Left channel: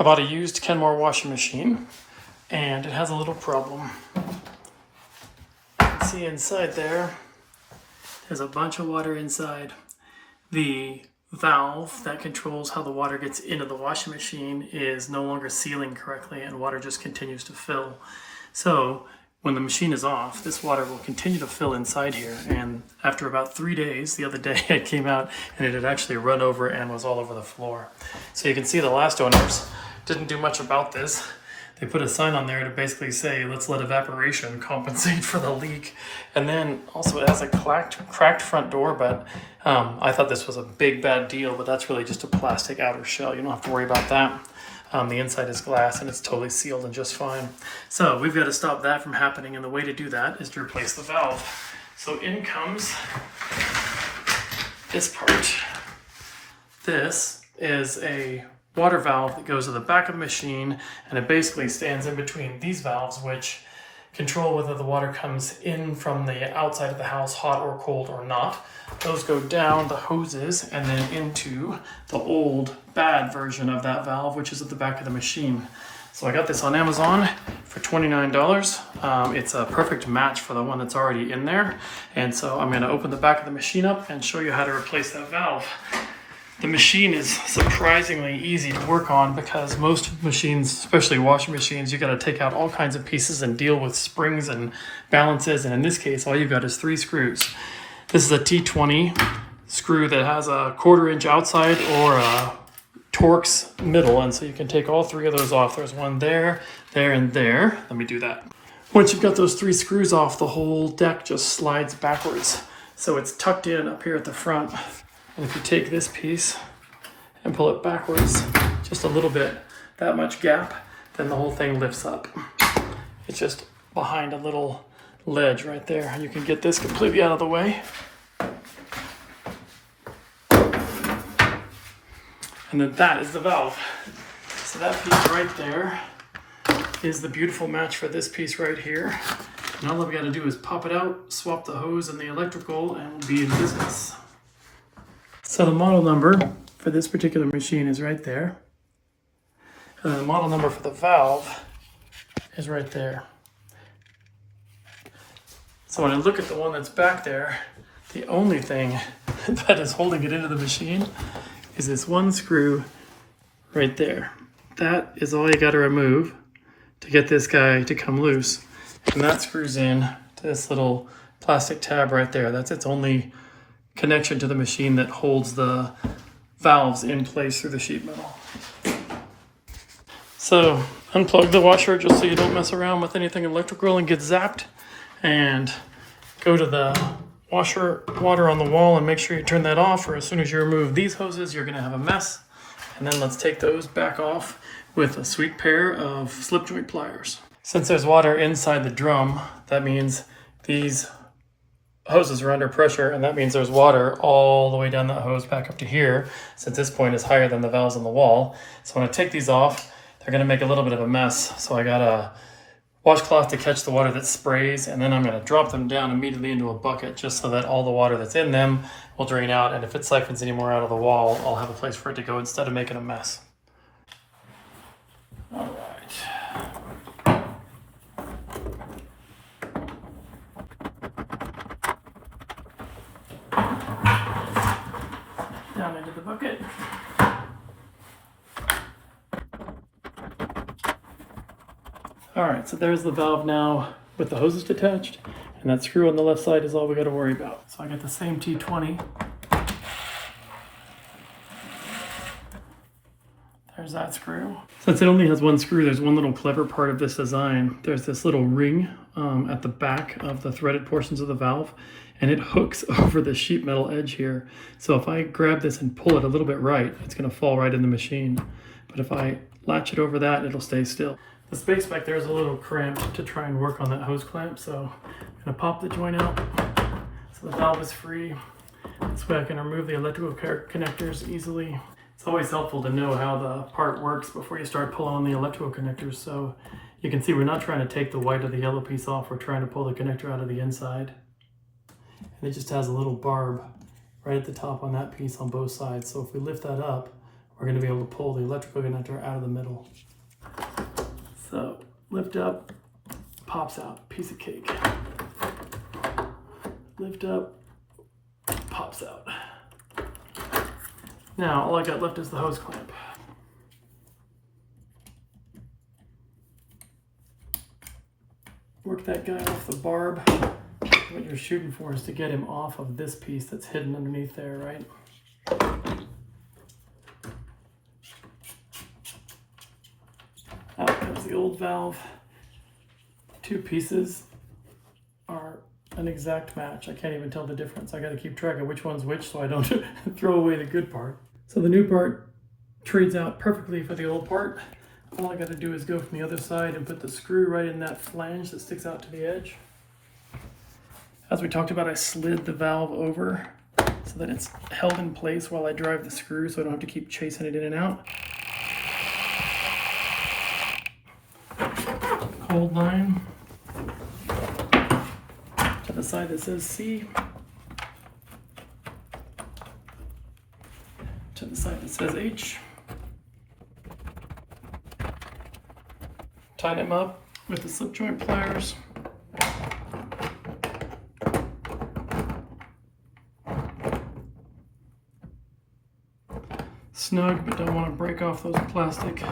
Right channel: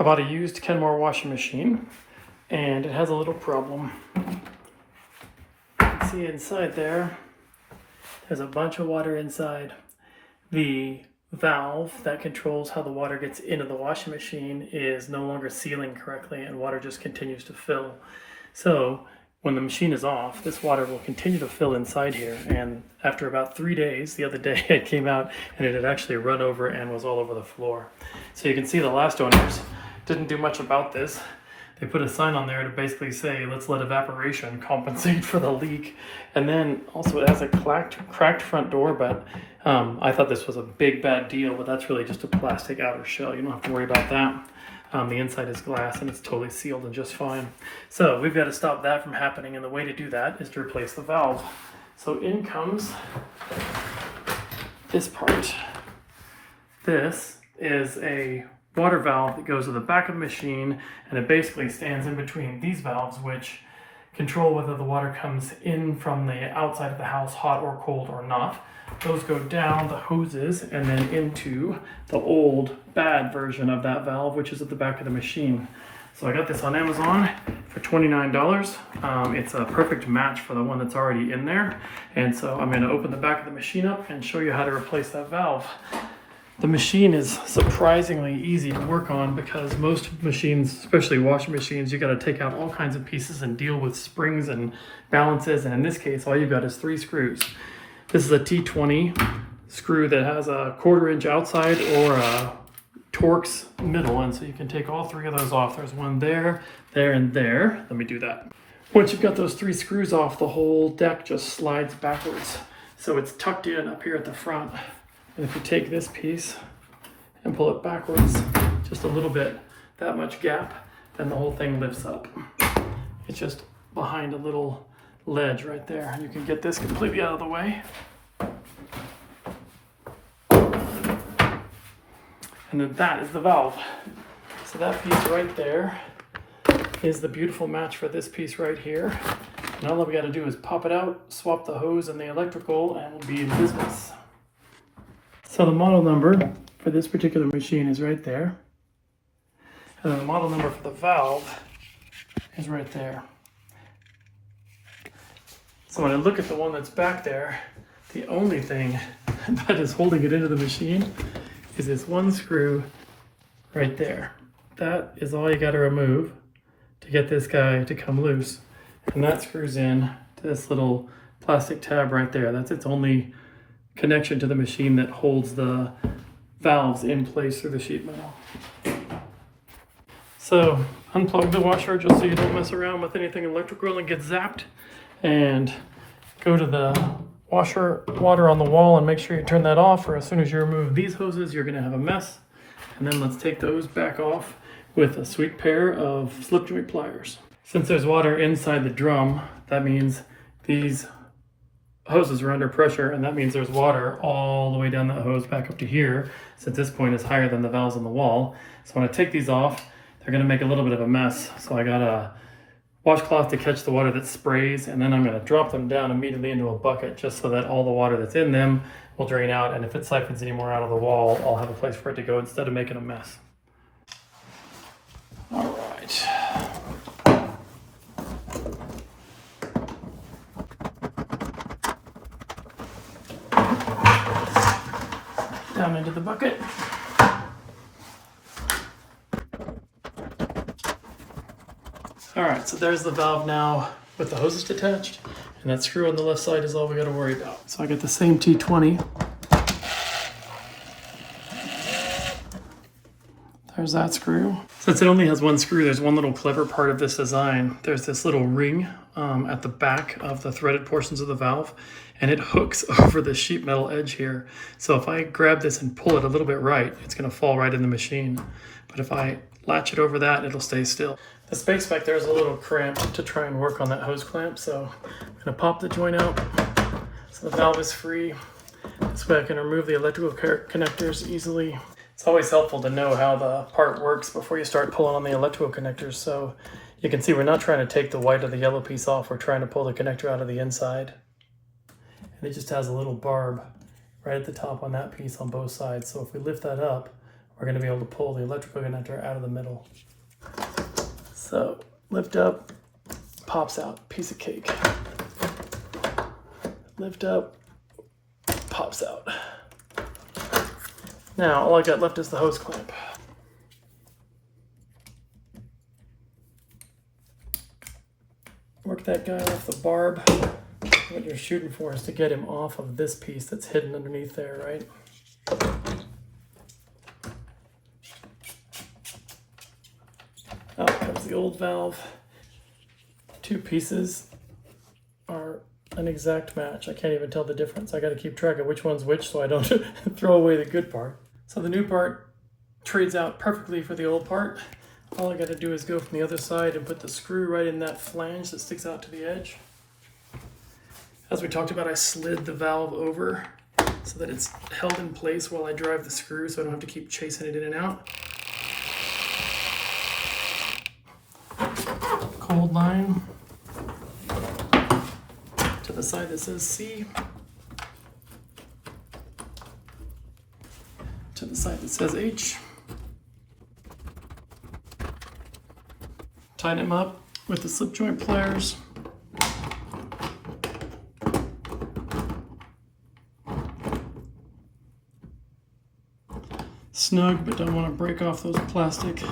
I bought a used Kenmore washing machine, and it has a little problem. You can see inside there's a bunch of water inside. The valve that controls how the water gets into the washing machine is no longer sealing correctly, and water just continues to fill. So when the machine is off, this water will continue to fill inside here, and after about 3 days, the other day it came out and it had actually run over and was all over the floor. So you can see the last owners didn't do much about this. They put a sign on there to basically say, let's let evaporation compensate for the leak. And then also it has a cracked front door, but I thought this was a big bad deal, but that's really just a plastic outer shell. You don't have to worry about that. The inside is glass and it's totally sealed and just fine. So we've got to stop that from happening, and the way to do that is to replace the valve. So in comes this part. This is a water valve that goes to the back of the machine, and it basically stands in between these valves, which control whether the water comes in from the outside of the house, hot or cold or not. Those go down the hoses and then into the old bad version of that valve, which is at the back of the machine. So I got this on Amazon for $29. It's a perfect match for the one that's already in there. And so I'm going to open the back of the machine up and show you how to replace that valve. The machine is surprisingly easy to work on because most machines, especially washing machines, you got to take out all kinds of pieces and deal with springs and balances. And in this case, all you've got is 3 screws. This is a T20 screw that has a 1/4 inch outside or a Torx middle. And so you can take all 3 of those off. There's one there, there, and there. Let me do that. Once you've got those 3 screws off, the whole deck just slides backwards. So it's tucked in up here at the front. And if you take this piece and pull it backwards, just a little bit, that much gap, then the whole thing lifts up. It's just behind a little ledge right there. You can get this completely out of the way. And then that is the valve. So that piece right there is the beautiful match for this piece right here. And all we got to do is pop it out, swap the hose and the electrical, and we'll be in business. So the model number for this particular machine is right there. And the model number for the valve is right there. So when I look at the one that's back there, the only thing that is holding it into the machine is this one screw right there. That is all you got to remove to get this guy to come loose. And that screws in to this little plastic tab right there. That's its only connection to the machine that holds the valves in place through the sheet metal. So unplug the washer just so you don't mess around with anything electrical and get zapped, and go to the washer water on the wall and make sure you turn that off, or as soon as you remove these hoses you're going to have a mess. And then let's take those back off with a sweet pair of slip joint pliers. Since there's water inside the drum, that means these hoses are under pressure, and that means there's water all the way down that hose back up to here, since this point is higher than the valves on the wall. So when I take these off, they're going to make a little bit of a mess. So I got a washcloth to catch the water that sprays, and then I'm going to drop them down immediately into a bucket just so that all the water that's in them will drain out, and if it siphons any more out of the wall, I'll have a place for it to go instead of making a mess. All right. Down into the bucket. All right, so there's the valve now with the hoses detached, and that screw on the left side is all we got to worry about. So I got the same T20. There's that screw. Since it only has one screw, there's one little clever part of this design. There's this little ring at the back of the threaded portions of the valve, and it hooks over the sheet metal edge here. So if I grab this and pull it a little bit right, it's going to fall right in the machine. But if I latch it over that, it'll stay still. The space back there is a little cramped to try and work on that hose clamp, so I'm going to pop the joint out so the valve is free. This way I can remove the electrical connectors easily. It's always helpful to know how the part works before you start pulling on the electrical connectors. So you can see we're not trying to take the white or the yellow piece off, we're trying to pull the connector out of the inside. And it just has a little barb right at the top on that piece on both sides. So if we lift that up, we're going to be able to pull the electrical connector out of the middle. So lift up, pops out, piece of cake. Lift up, pops out. Now all I got left is the hose clamp. Work that guy off the barb. What you're shooting for is to get him off of this piece that's hidden underneath there, right? Out comes the old valve. Two pieces are an exact match. I can't even tell the difference. I got to keep track of which one's which so I don't throw away the good part. So the new part trades out perfectly for the old part. All I got to do is go from the other side and put the screw right in that flange that sticks out to the edge. As we talked about, I slid the valve over so that it's held in place while I drive the screw so I don't have to keep chasing it in and out. Cold line to the side that says C, to the side that says H. Tighten them up with the slip joint pliers. Snug, but don't want to break off those plastic.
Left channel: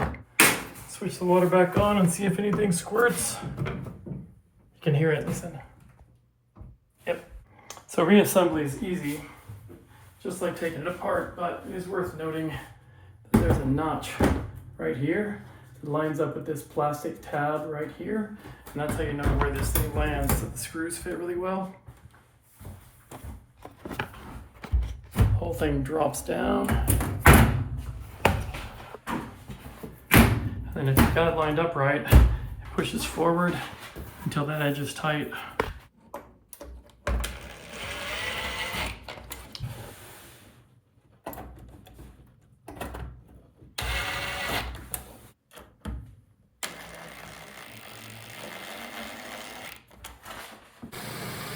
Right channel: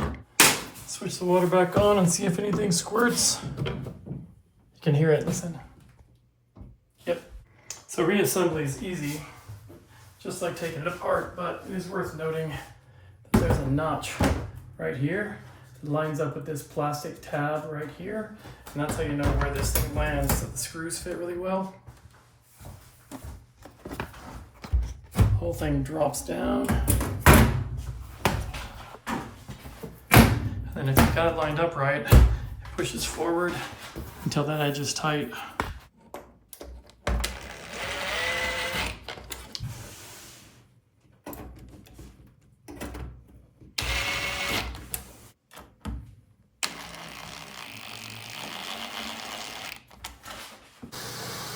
Switch the water back on and see if anything squirts. You can hear it, listen. Yep. So reassembly is easy, just like taking it apart, but it is worth noting that there's a notch right here. It lines up with this plastic tab right here, and that's how you know where this thing lands, so the screws fit really well. The whole thing drops down. And if you've got it lined up right, it pushes forward until that edge is tight.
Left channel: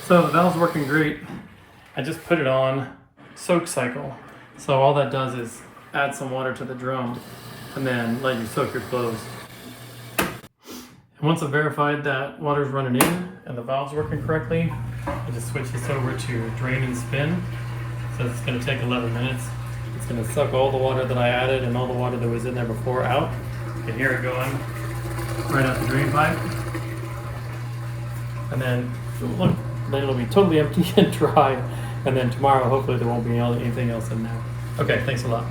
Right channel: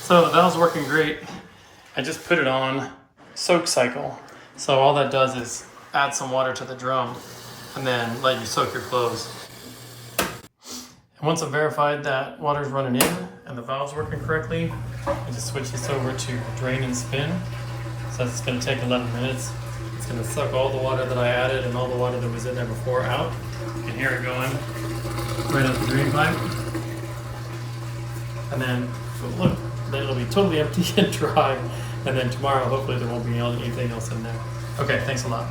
So the valve's working great. I just put it on soak cycle. So all that does is add some water to the drum and then let you soak your clothes. And once I've verified that water's running in and the valve's working correctly, I just switch this over to drain and spin. So it's gonna take 11 minutes. It's gonna suck all the water that I added and all the water that was in there before out. You can hear it going right out the drain pipe. And then, look, then it'll be totally empty and dry. And then tomorrow, hopefully there won't be anything else in there. Okay, thanks a lot.